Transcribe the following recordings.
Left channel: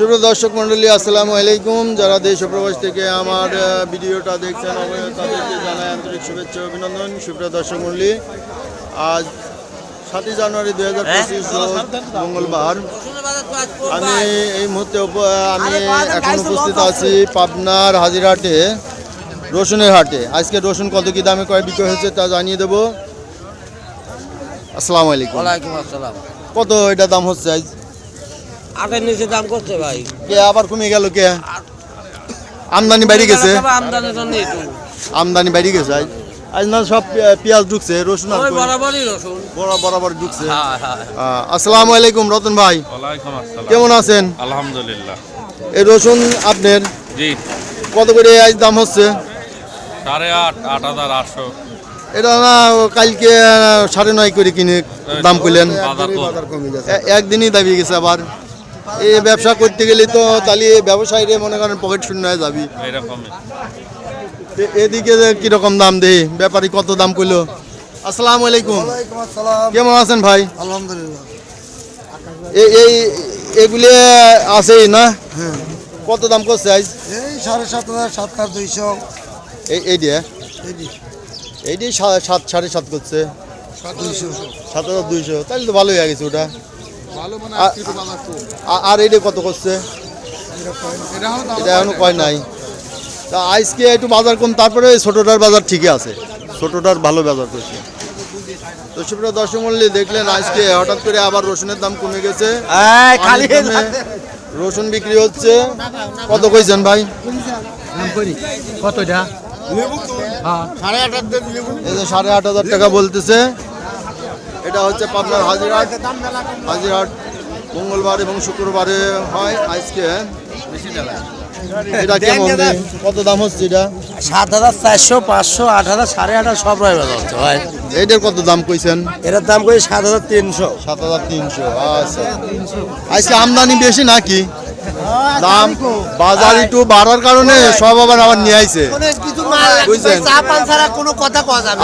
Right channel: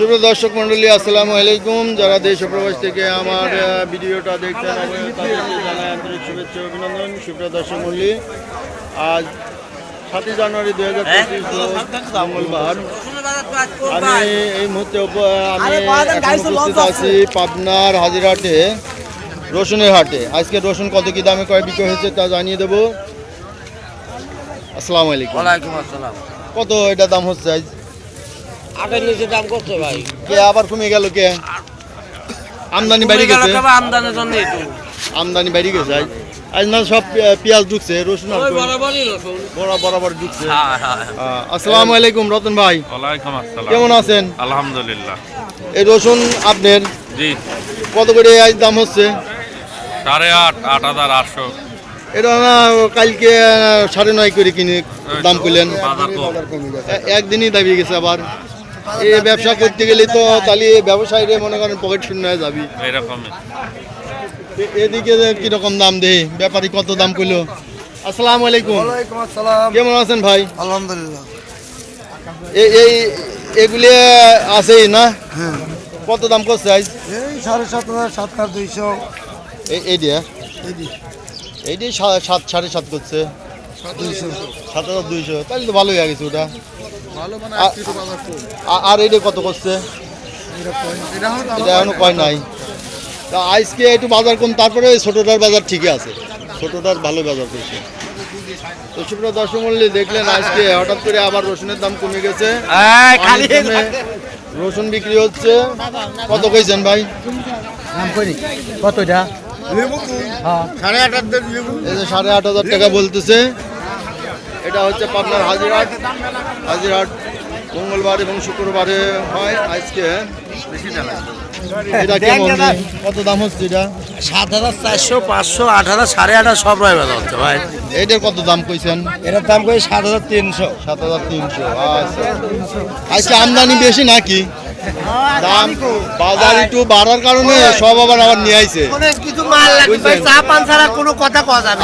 শুভ দর্শক মন্ডলী আসসালামু আলাইকুম। যারা দেশ প্রবাস থেকে আমার ভিডিওটা দেখছেন অবশ্যই তাদেরকে জানাই আন্তরিক শুভেচ্ছা অভিনন্দন। সুপ্রিয় দর্শক মন্ডলী আজ সাতই জানুয়ারি দুই হাজার পঁচিশ মঙ্গলবার। আমি এই মুহূর্তে আমি এখন উপস্থিত আছি পাবনার হাজিরহাটে রসুনের হাটে। আজকে রসুন কত কি দামে কয় বিক্রি হয়েছে তা জানিয়ে দেবো। আসসালামু আলাইকুম। ওয়ালাইকুম আসসালাম। কত এটা দাম হচ্ছে আজ? নিচে দাম কত ভাই? কে আবার কমে গেল কে? আমদানি বেড়ে গেছে। আমদানির জন্য একটু আমদানি বেড়ে গেছে আজ আজ না সব পেঁয়াজ ঢুকছে রসুন আর বড় বরাবর ঢুকছে। হ্যাঁ হ্যাঁ আসসালামু আলাইকুম রতন ভাই। কেমন আছেন? আলহামদুলিল্লাহ। এই রসুন আপনার? জি। কত করে আজ দাম হচ্ছে? সাড়ে আট আট হাজার আটশো। এটা না কালকে সাড়ে নয় করে কিনে দাম করলেন। একদিনই দাবি গেছে আবার। এই ব্যবসা করতে গেলে তো তাহলে ব্যবসায়ীরা মনে করেন পকেট শূন্য হয়ে যাবি। এরকমই। এদিকে কীরকম দাম দে ব্যাপারী কত দাম কইলো? আসসালামু আলাইকুম। আসসালাম। কেমন আছেন ভাই? আলহামদুলিল্লাহ। এই এই এগুলি আছেই না? কত দাম করছে আজ এই সাড়ে সাত হাজার সাত হাজার দুইশো। এই এই দিয়ে। এইটি সা- সাত সাড়ে সাত করছে। দুইশো। সাত হাজার দুইশো। তাহলে তো ভালোই হয়ে গেছে ওটা। আর এইটা কত করছে? এটা এখনও কয় নাই। তা আজকে একটু বাজার কম তারপরে ছোটোটার বাজার ঠিকই আছে। ছোটোটার ভালো বাজার করছে। তো সুপ্রিয় দর্শক মূল্যে দেখলেন আজকে হঠাৎ করে আবার রসুনের দাম কমে গেছে। রসুন বিক্রি হচ্ছে। কত কইছেন ভাই? কত এটা এই যে সাড়ে আট হাজার টাকা বলতেছে। এটা হচ্ছে পাবনার হাজিরহাট। হাজিরহাট মঙ্গলবার এবং শুক্রবারে হয় আজকে। এটা কেমন? কত দাম হচ্ছে এটা? সাত হাজার চারশো পাঁচশো আট হাজার সাড়ে আট হাজার সব রয়ে হচ্ছে ভাই। এটার কত দাম কইছেন? এটার দাম করে সাত হাজার তিনশো। সাত হাজার তিনশো আচ্ছা। আজকে আমদানি বেশি নাকি? দাম বাজার একটু বাড়ার কারণে সব আবার আবার নিয়ে আইছে।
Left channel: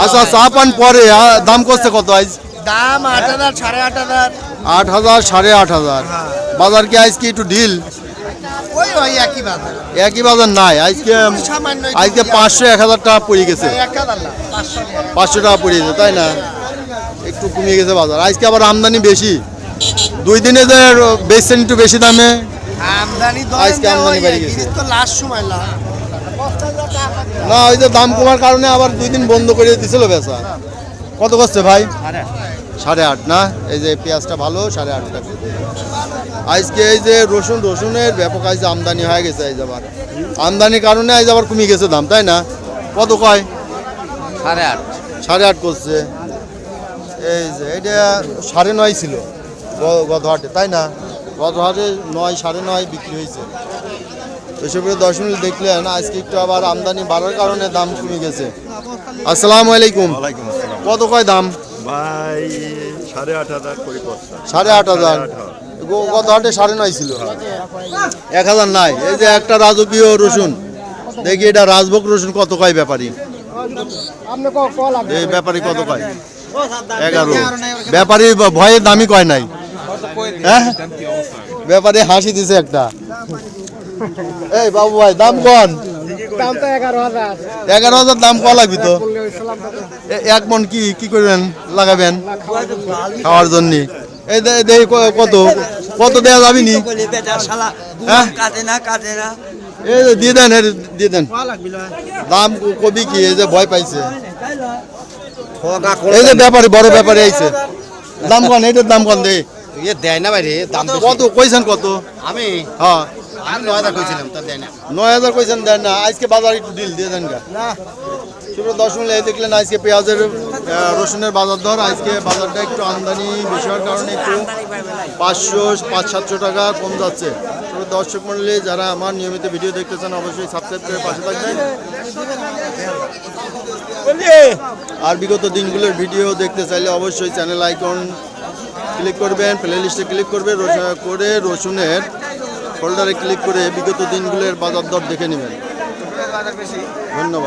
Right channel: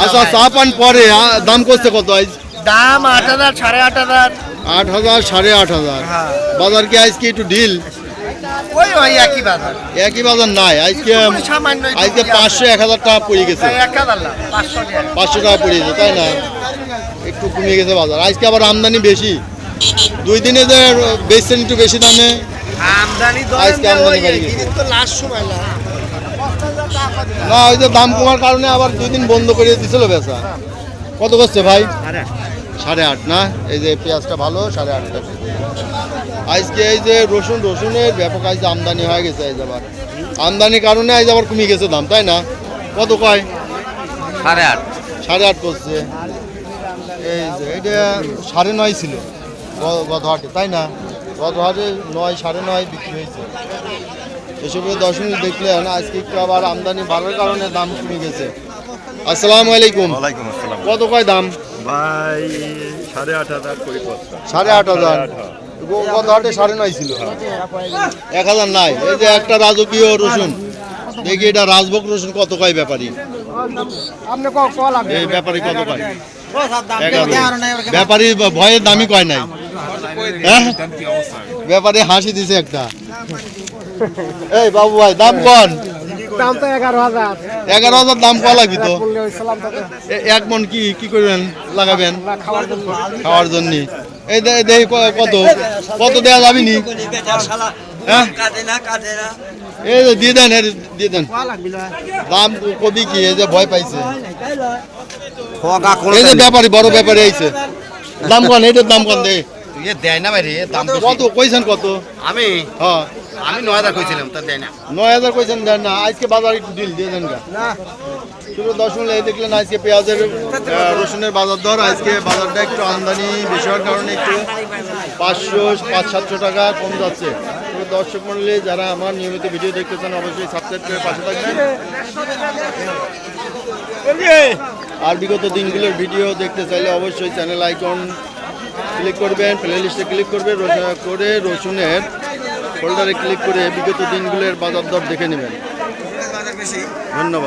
আচ্ছা। চা পান পরে দাম করছে কত আজ? দাম আট হাজার সাড়ে আট হাজার। আট হাজার সাড়ে আট হাজার। হ্যাঁ। বাজার কি আজকে একটু ঢিল? ওই ওই একই বাজার। একই বাজার নাই। আজকে পাঁচশো এক হাজার টাকা পড়ে গেছে। পাঁচশো টাকা পড়ে গেছে তাই না? একটু কমে গেছে বাজার। আজকে আবার আমদানি বেশি। দুই দিনে যে বেচছেন একটু বেশি দামে। আমদানি আজকে আমদানি বেড়ে গেছে। না। না ওই যে দাম কমার কারণে আবার দুই দিন বন্ধ করে দিছিল বেচা। কত করছে ভাই? সাড়ে আট না? এই যে পেঁয়াজটা ভালো সাড়ে আট টাকা আজকে এই যে রসুন রসুনের ব্যাপক আজ আমদানি হয়ে গেছে আজ আবার। আমদানির কারণে আজ আবার কমে গেছে দাম তাই না? কত কয়? সাড়ে আট। সাড়ে আট করছে। এই যে এটা সাড়ে নয় ছিল গত হাটে তাই না? গত হাটে নয় সাড়ে নয় বিক্রি হয়েছে। এসবের দশ মিনিট দেখলেন আজকে একটু আবার আমদানি বাড়ার কারণে দাম কমে গেছে। আসসালামু আলাইকুম। ওয়ালাইকুম আসসালাম। কত কয় দাম? ভাই সাড়ে আট হাজার করে পড়ছে সাড়ে আট হাজার? গ- গত হাটে সাড়ে নয় ছিল। এক হাজার নাই। এই যে একটা রাজকীয় রসুন। দেখি এটা রাজভোগ রসুন কত কয় ব্যাপারী? এই ব্যাপারী কত কয়? এগারো। ব্যাপারী ব- ভয়ে দামি কয় নাই। হ্যাঁ? ব্যাপারী হাসি দিছে একটা। এই বাবু ভাই দাম কন? এগারো হাজার। দাম কয়া লাগবি তো? এ- এক মন কি কি করবেন লাগাবেন? খাওয়ার জন্য। এই দে- দেই ক- কত? কত দেওয়া যাবি নি? হ্যাঁ? এই যে দিয়ে দেন দিয়ে দেন। দাম কবি কি? এই যে ভয় পাইছে। এই যে ব্যাপারী বড় ব্যাপারী আইছে। দাম কন? এইটার দাম কন দে। দেয় না ভাই কত? কইছেন কত? আমি? হ্যাঁ। আমি নয় হাজার কইছিলাম তা দেয় না। নয় হাজার কইছেন দেন না আজকে বাজার একটু দিল দিয়ে দেন গা। না। শুধু দর্শন এই দেখলেন আজকে পেঁয়াজের রসুনের বাজার দর আজকে বাজারটা একটু আমদানি বেশি হওয়ার কারণে একটু পাঁচশো পাঁচ সাতশো টাকা কম যাচ্ছে। তো দর্শক মন্ডলী যারা আমার নিয়মিত ভিডিও দেখতে চান অবশ্যই সাবস্ক্রাইব করে পাশে থাকবেন। আর বিগত দিনগুলোর ভিডিও দেখতে চাইলে অবশ্যই চ্যানেল আইকন ক্লিক করবেন প্লে লিস্টে ক্লিক করবে রসুন করে রসুনের ফোল্ডারে ক্লিক করে বিগত দিনগুলোর বাজার দর দেখে নেবেন। ধন্যবাদ।